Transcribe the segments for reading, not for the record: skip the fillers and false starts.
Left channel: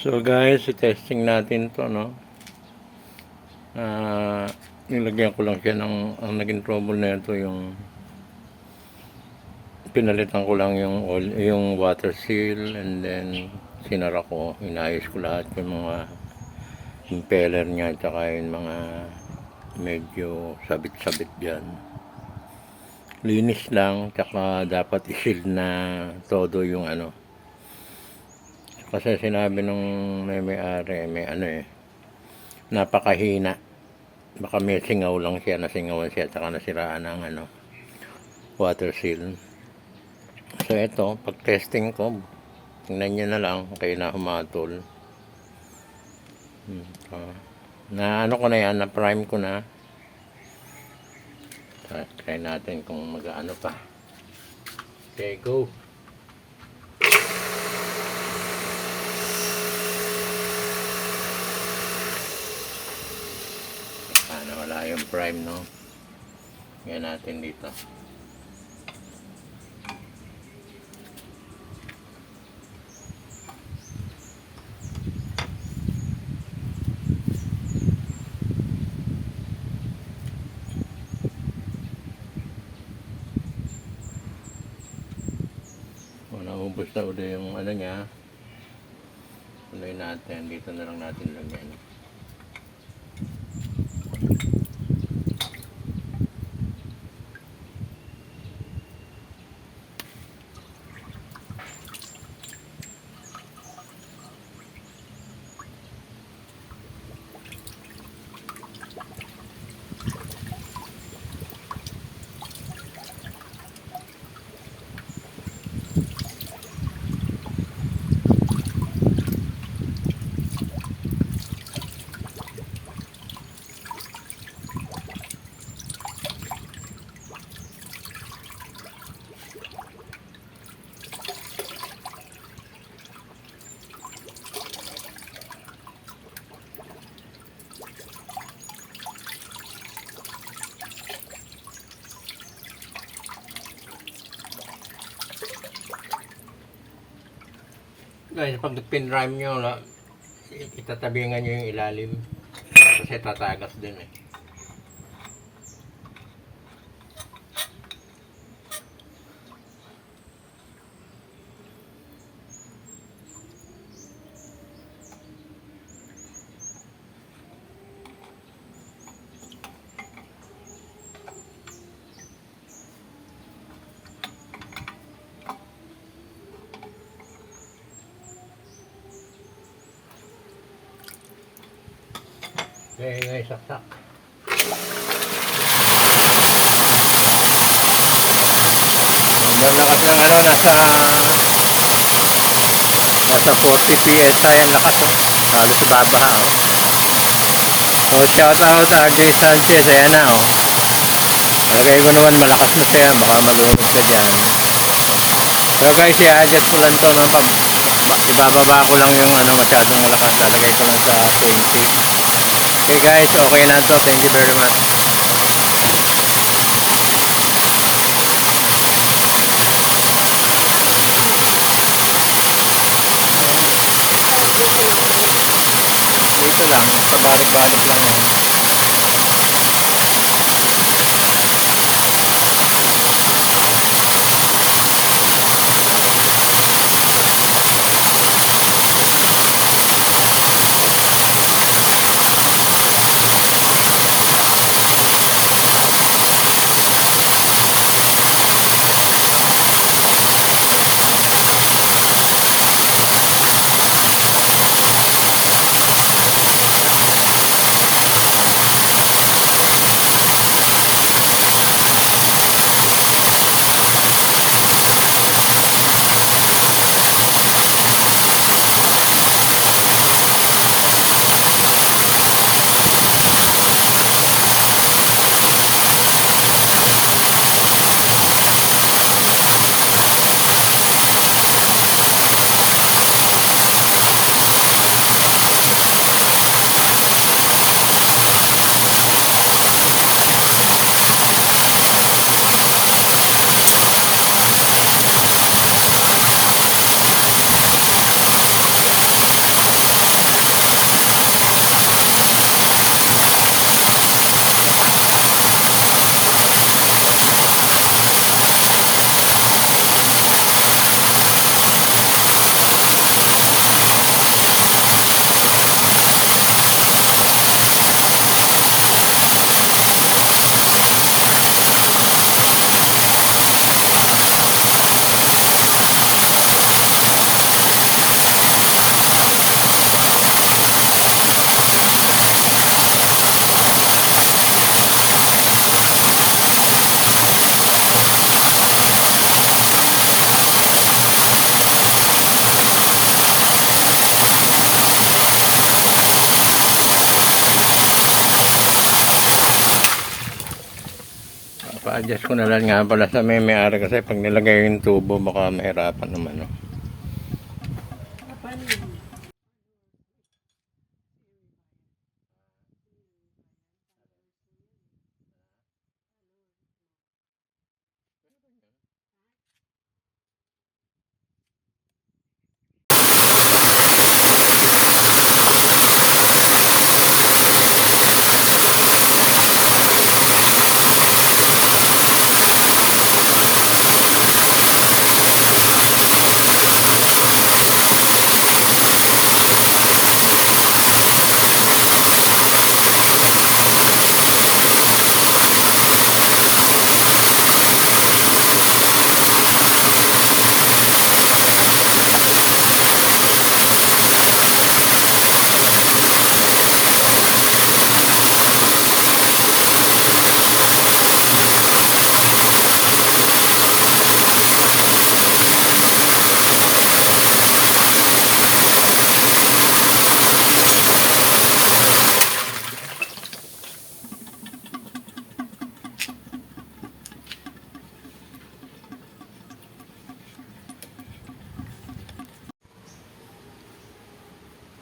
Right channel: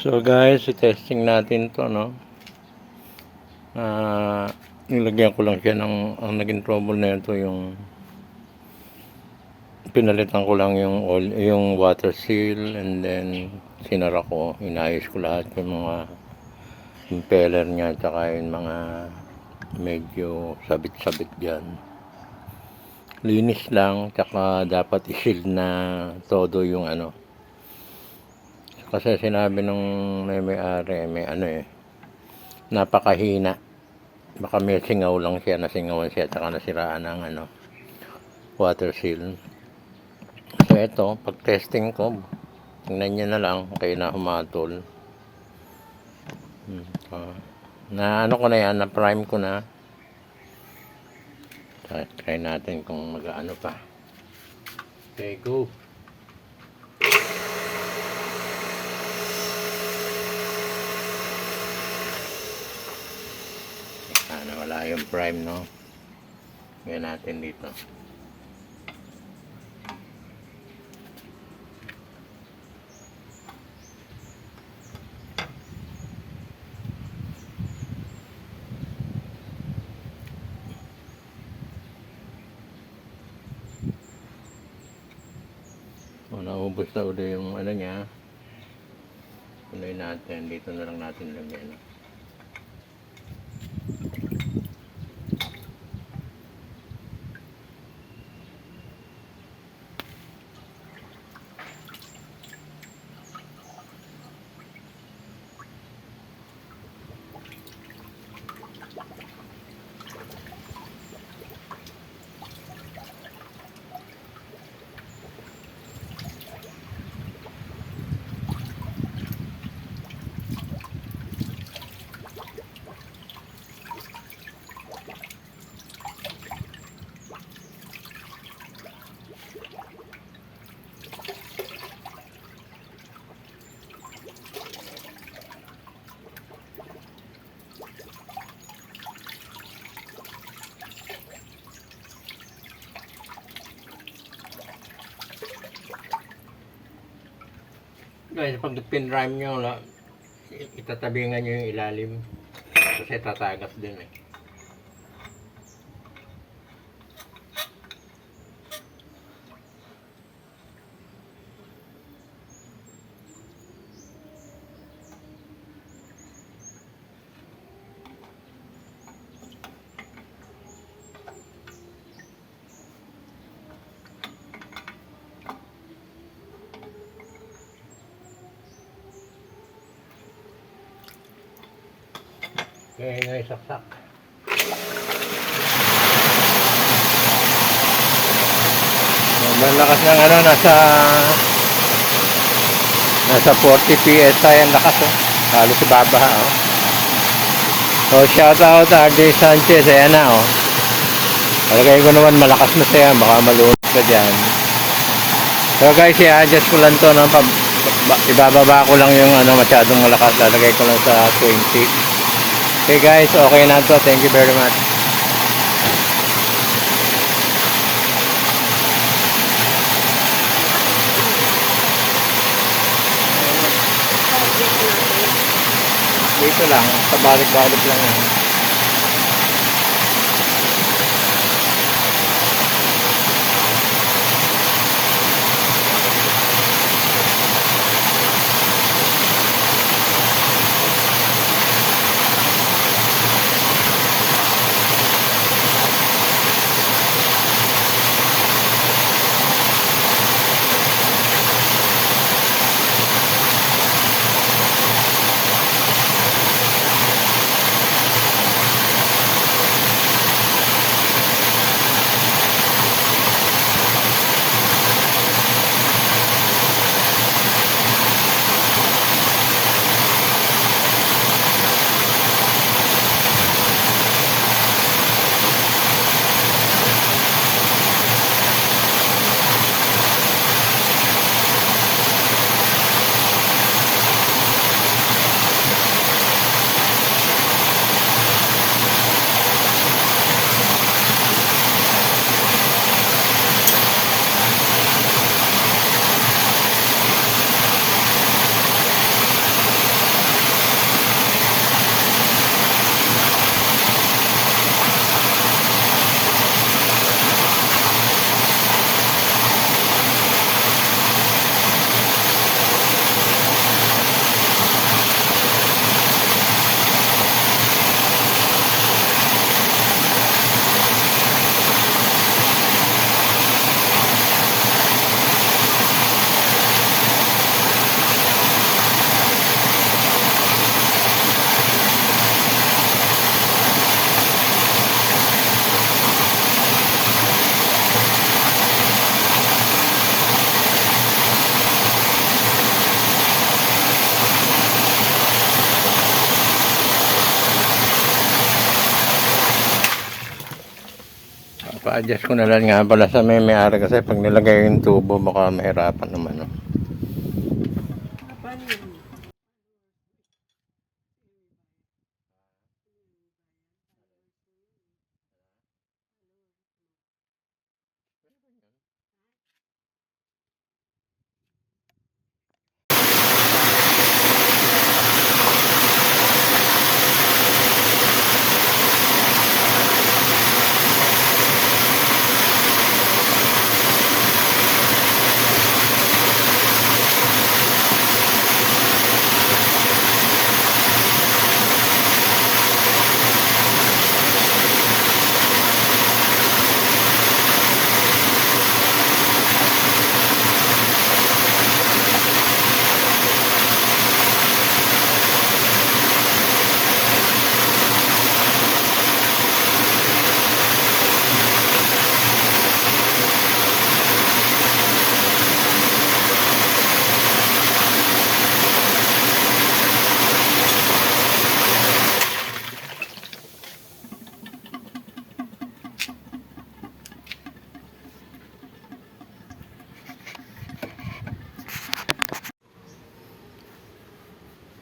So guys, testing natin to, no. Nilagyan ko lang siya ng, ang naging trouble na ito yung pinalitan ko lang yung oil, yung water seal, and then sinara ko, inayos ko lahat yung mga impeller niya, tsaka yung mga medyo sabit-sabit dyan. Linis lang, tsaka dapat i-seal na todo yung ano. Kasi sinabi nung may-ari, may ano napakahina. Baka may singaw lang siya, nasingawan siya, tsaka nasiraan ng ano, water seal. So ito, pag testing ko, tingnan nyo na lang, kayo na humatol. Na ano ko na yan, na prime ko na. So, try natin kung mag-ano pa. Okay, go! Wala yung prime, no? Yan natin dito. Naubos na ulit yung ano niya. Tuloy natin. Dito na lang natin lagyan. Guys, pag pin-rime nyo, itatabingan nyo yung ilalim. Kasi tatagas din eh. Okay, guys, saksak. Ang lakas ng ano, nasa 40 PSI ang lakas, oh. Halos babaha, oh. So, shout out RJ Sanchez, ayan na, oh. Palagay ko naman malakas na siya, baka malunod ka dyan. So guys, i-adjust ko lang to, no? Ibababa ko lang yung ano, masyadong malakas, lalagay ko lang sa 20. Okay guys, okay na to. Thank you very much. Dito lang, pabalik-balik lang yan. Adjust ko na lang nga pala sa may-ari kasi pag nilagay yung tubo baka mahirapan naman. No? Paano yun?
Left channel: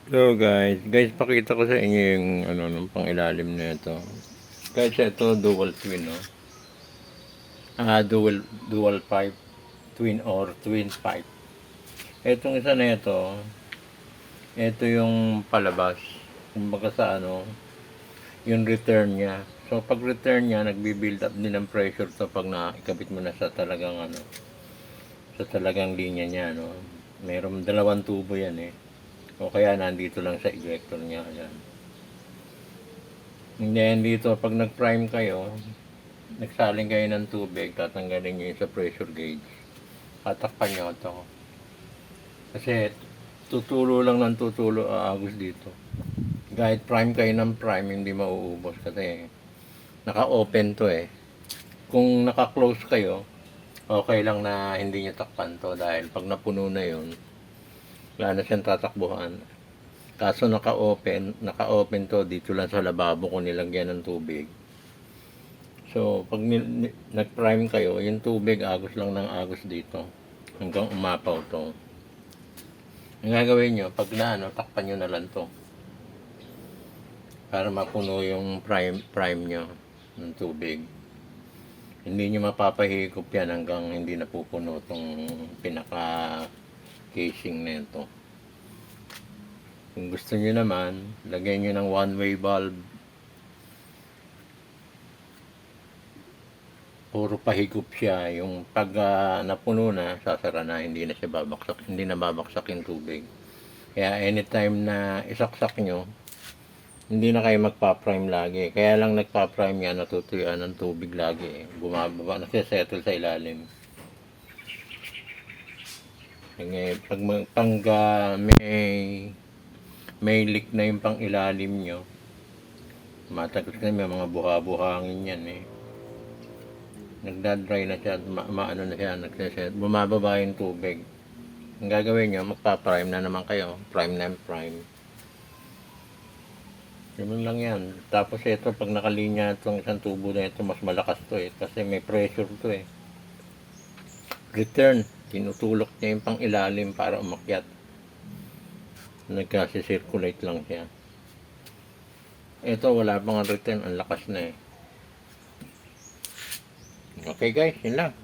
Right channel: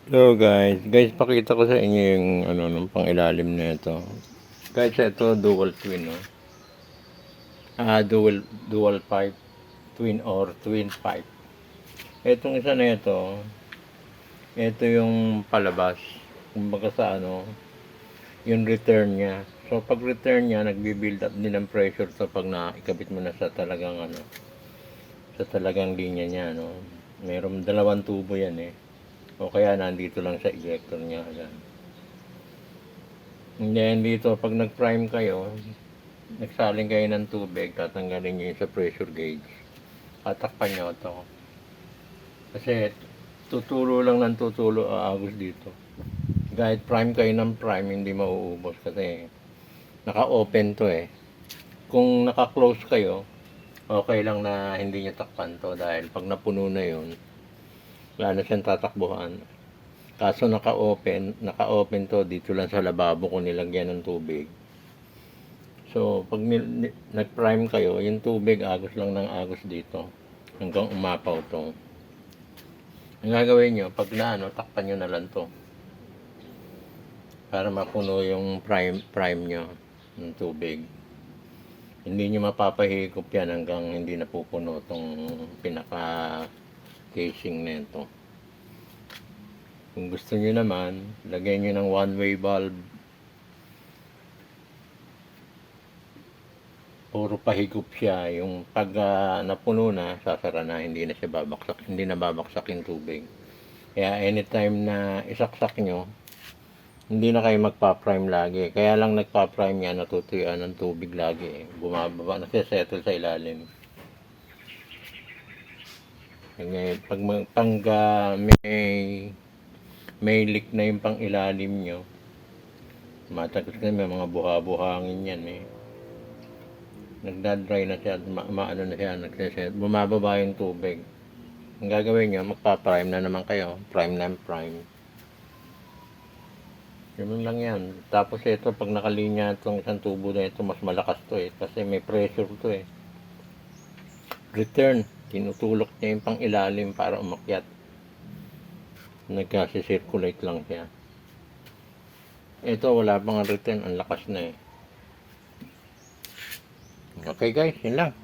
So guys, pakita ko sa inyo yung ano nung pangilalim na ito. Guys, ito dual twin, no. Dual pipe, twin or twin pipe. Etong isa na ito yung palabas. Kumbaga sa ano, yung return niya. So pag return niya, nagbi-build up din ng pressure so pag nakikabit mo na sa talagang ano, sa talagang linya niya, no. Mayroong dalawang tubo yan eh. O kaya nandito lang sa ejector niya. Ayan. And then dito, pag nag-prime kayo, nagsaling kayo ng tubig, tatanggalin nyo yung sa pressure gauge. Tatakpan nyo ito. Kasi tutulo lang ng tutulo aagos dito. Kahit prime kayo ng prime, hindi mauubos kasi naka-open to eh. Kung naka-close kayo, okay lang na hindi nyo takpan to dahil pag napuno na yun, wala na siyang tatakbuhan. Kaso naka-open to dito lang sa lababo kung nilagyan ng tubig. So, pag nag-prime kayo, yung tubig agos lang ng agos dito hanggang umapaw to. Ang gagawin nyo, pag takpan nyo na lang to para mapuno yung prime nyo ng tubig. Hindi nyo mapapahigop yan hanggang hindi napupuno tong pinaka casing na ito. Kung gusto nyo naman, lagyan nyo ng one-way valve. Puro pahigop siya. Yung pag napuno na, sasara na, hindi na siya babaksak. Hindi na babaksak yung tubig. Kaya anytime na isaksak nyo, hindi na kayo magpa-prime lagi. Kaya lang nagpa-prime yan, natutuyuan ng tubig lagi. Bumababa, nagsisettle sa ilalim. Ngayon, pag may leak na yung pang ilalim nyo, matagal na may mga buha-buhangin yan eh. Nagdadry na siya, maano na siya, bumababa yung tubig. Ang gagawin nyo, magpa-prime na naman kayo, prime na prime. Yun lang yan. Tapos ito, pag nakalinya itong isang tubo na ito, mas malakas to eh, kasi may pressure to eh. Return, tinutulok niya yung pang ilalim para umakyat. Nagkasi-circulate lang siya. Ito, wala pang return, ang lakas na eh. Okay guys, yun lang.